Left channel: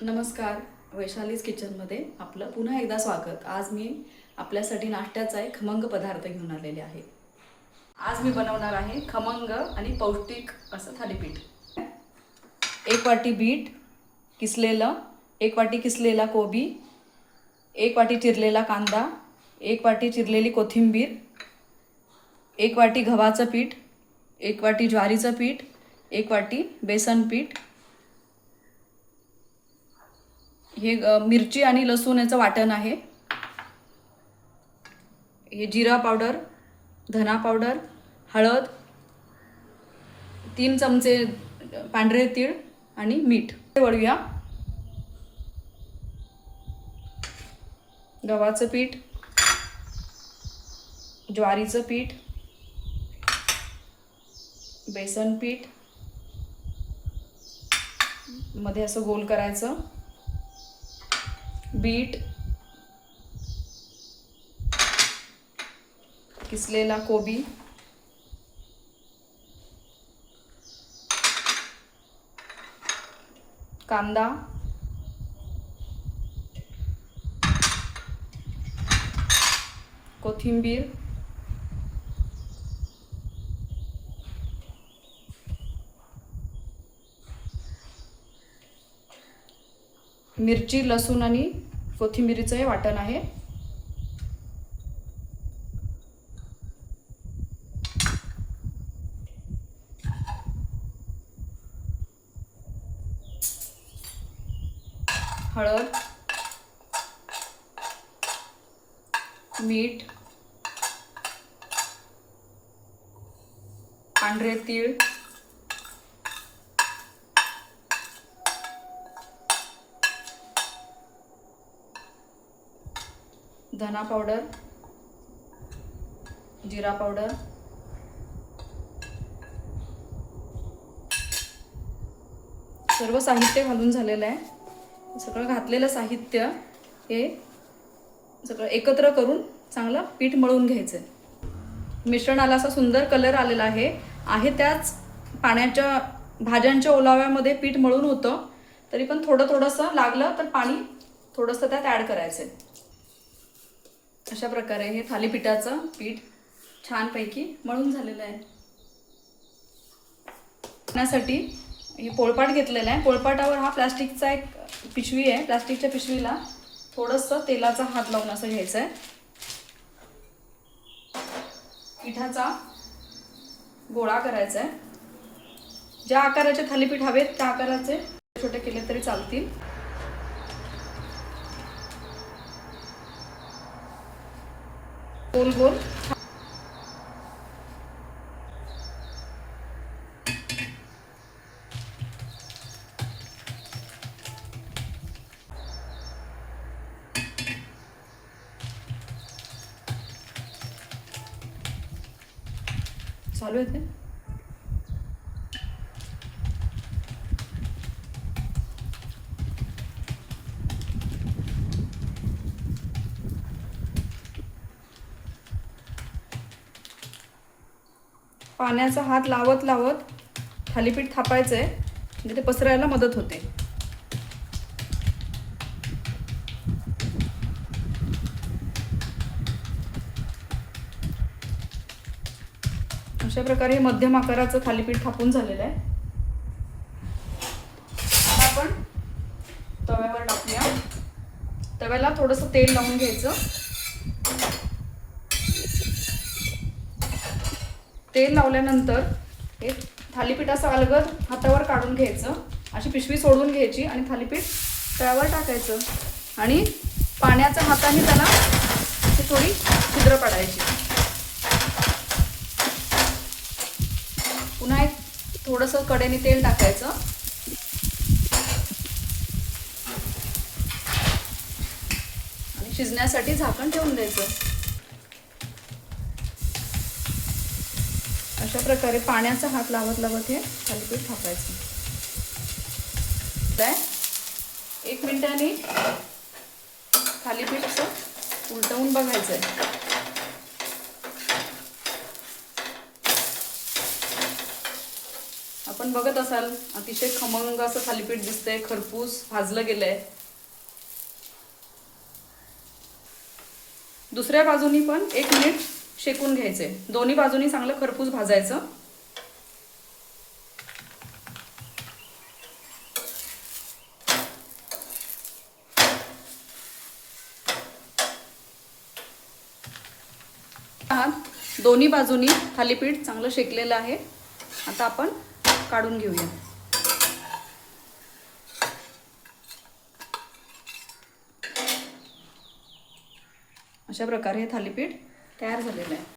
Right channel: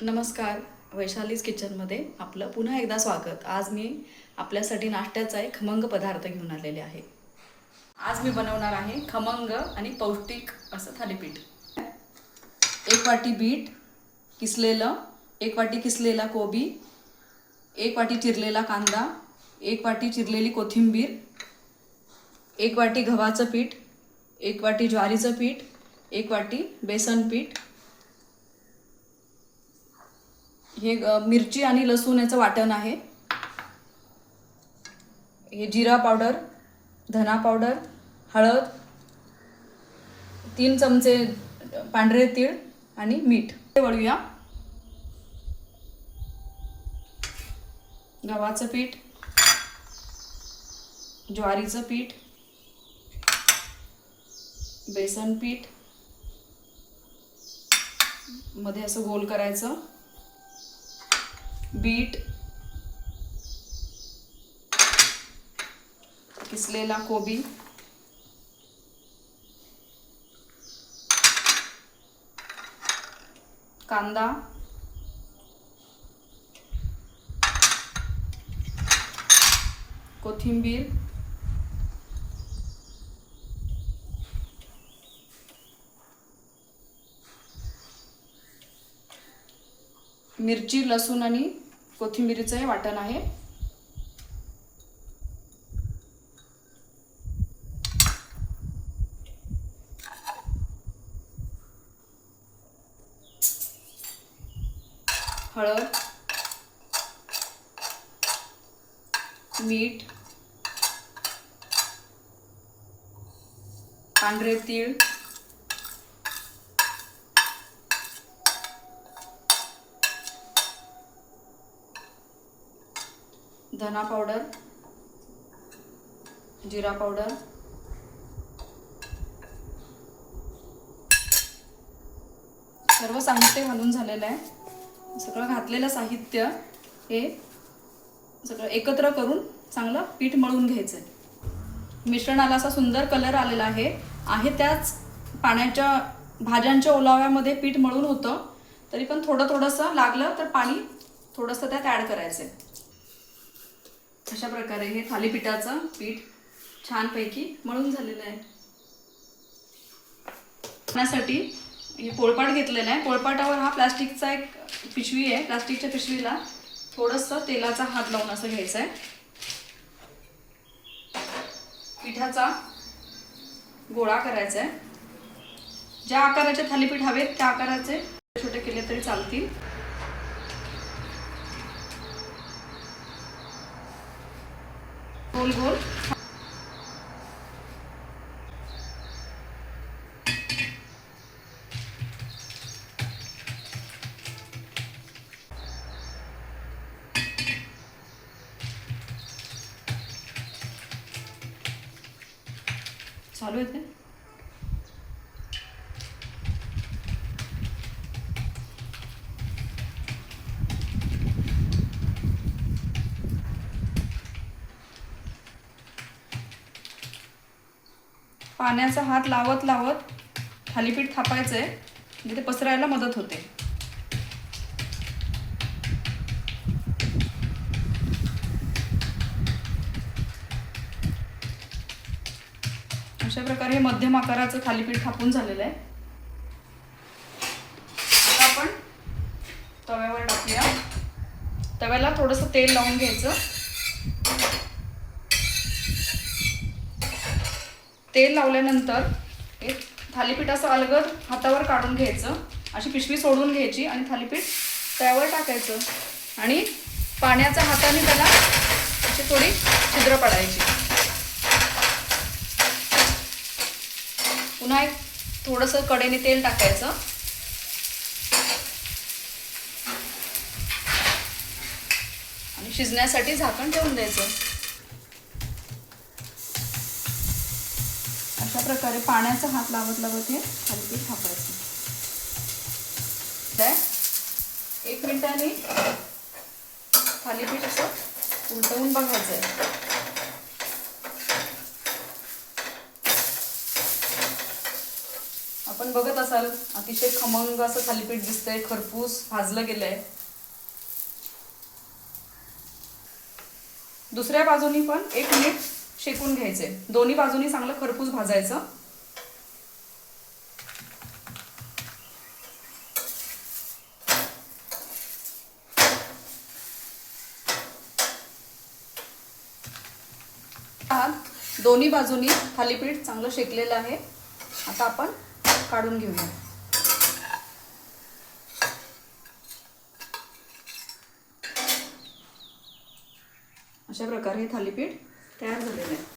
नमस्कार, वैशालीज किचनमध्ये आपलं पुन्हा एकदा स्वागत। आज मी आपल्यासाठी नाश्त्याचा एक खमंग पदार्थ घेऊन आलेले आहे। आज मी बनवणार आहे खमंग आणि पौष्टिक असं थालीपीठ। 1 वाटी बीट किसलेलं, 1 वाटी किसलेला कोबी, 1 वाटी चिरलेला कांदा, 1 वाटी चिरलेली कोथिंबीर, 1 वाटी गव्हाचं पीठ, 1 वाटी ज्वारीचं पीठ, 1 वाटी बेसन पीठ, हे मिरची आणि लसूण याचं वाटण आहे। हे जिरा पावडर, धना पावडर, हळद, 3 चमचे पांढरे तीळ आणि मीठ। वळूया। गव्हाचं पीठ, ज्वारीचं पीठ, बेसन पीठ मध्ये असं गोल करायचं, बीट, किसलेला कोबी, कांदा, कोथिंबीर, मिरची, लसूण आणि कोथिंबीरीचं हे वाटण आहे। हळद, मीठ, पांढरे तीळ, धना पावडर, जिरा पावडर, सर्व साहित्य घालून झालेलं आहे। सगळं घातलेलं साहित्य हे सगळं एकत्र करून चांगलं पीठ मळून घ्यायचं। मिश्रणाला असा सुंदर कलर आलेला आहे त्याच पाण्याच्या भाज्यांच्या ओलाव्यामध्ये पीठ मळून होतं, तरी पण थोडंसं लागलं तर पाणी थोडंसं त्यात ॲड करायचं। अशा प्रकारे हे थालीपीठाचं पीठ छानपैकी मळून झालेलं आहे। त्यासाठी हे पोळपाट घेतलेला आहे। पोळपाटावर हा प्लास्टिकचा एक पिशवी आहे। प्लास्टिकच्या पिशवीला थोडंसं तेलाचा हात लावून असं घ्यायचं आहे। पिठाचा गोळा करायचा आहे। ज्या आकाराचे थालीपीठ हवेत त्या आकाराचे छोटे केले तरी चालतील। गोल गोल चालू आहे। पाण्याचा हात लावत लावत थालीपीठ थापायचं आहे, म्हणजे ते पसरायला मदत होते। अशा प्रकारे हे मध्यम आकाराचं थालीपीठ थापून झालेलं आहे। आता आपण तव्यावर टाकूया। तव्याला थोडंसं तेल लावून घ्यायचं। तेल लावल्यानंतर हे थालीपीठ असं अलगद हातावर काढून घ्यायचं, अशी पिशवी सोडून घ्यायची आणि थालीपीठ तव्यावर टाकायचं आणि पाण्याच्या हाताने त्याला अशी थोडी छिद्र पाडायची। पुन्हा एक थोडंसं कडेने तेल टाकायचं आणि शिजण्यासाठी झाकण ठेवून द्यायचं। अशा प्रकारे पाण्याचा हात लावत लावत हे थालीपीठ थापायचं। 1 मिनिटाने थालीपीठ असं उलटवून बघायचं आहे। आपण बघत असाल अतिशय खमंग असं थालीपीठ दिसतंय, खरपूस भाजलं गेलंय. दुसऱ्या बाजूनी पण 1 मिनिट शेकून घ्यायचे. दोन्ही बाजूनी चांगलं खरपूस भाजायचं. दोन्ही बाजूनी थालीपीठ चांगलं शेकलेलं आहे. आता आपण काढून घेऊया. अशा प्रकारे हे थालीपीठ तयार झालेलं आहे.